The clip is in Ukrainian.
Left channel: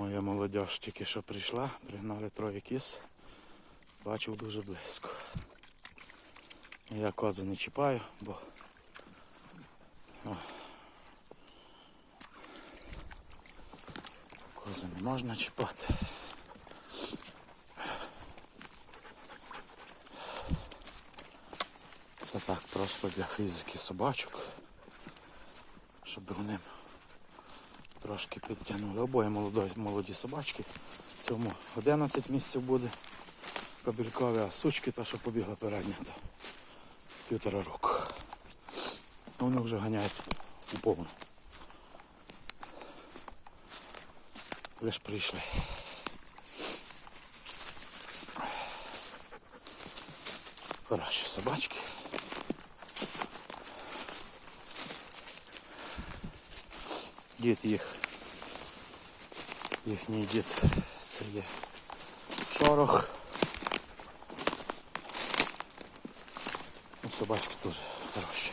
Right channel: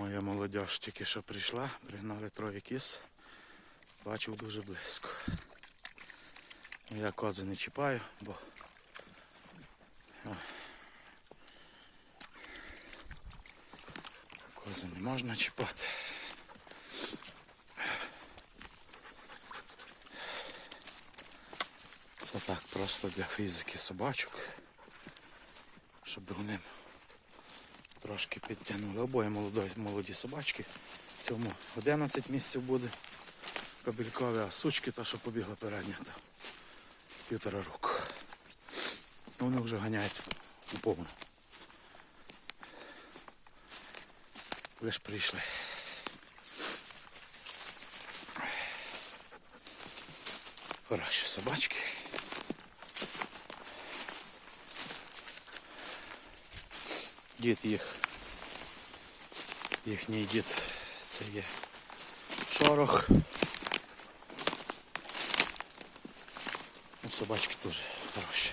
Моя молодь тільки що прийшла, пригнали троє кіз. Бачив дуже близько. Я кози не чіпаю, бо кози не можна чіпати. Це так просто для фізики собачок, щоб вони трошки підтягнули. Обоє молоді, молоді собачки. Цьому 11 місяців буде кабелькові, а сучки та, що побігла передня, та півтора року. Ну, Вони вже ганяють у повну. Лиш прийшли. Хороші собачки. Дід їх. Їхній дід це є шорох. Ну, собачки дуже хороші.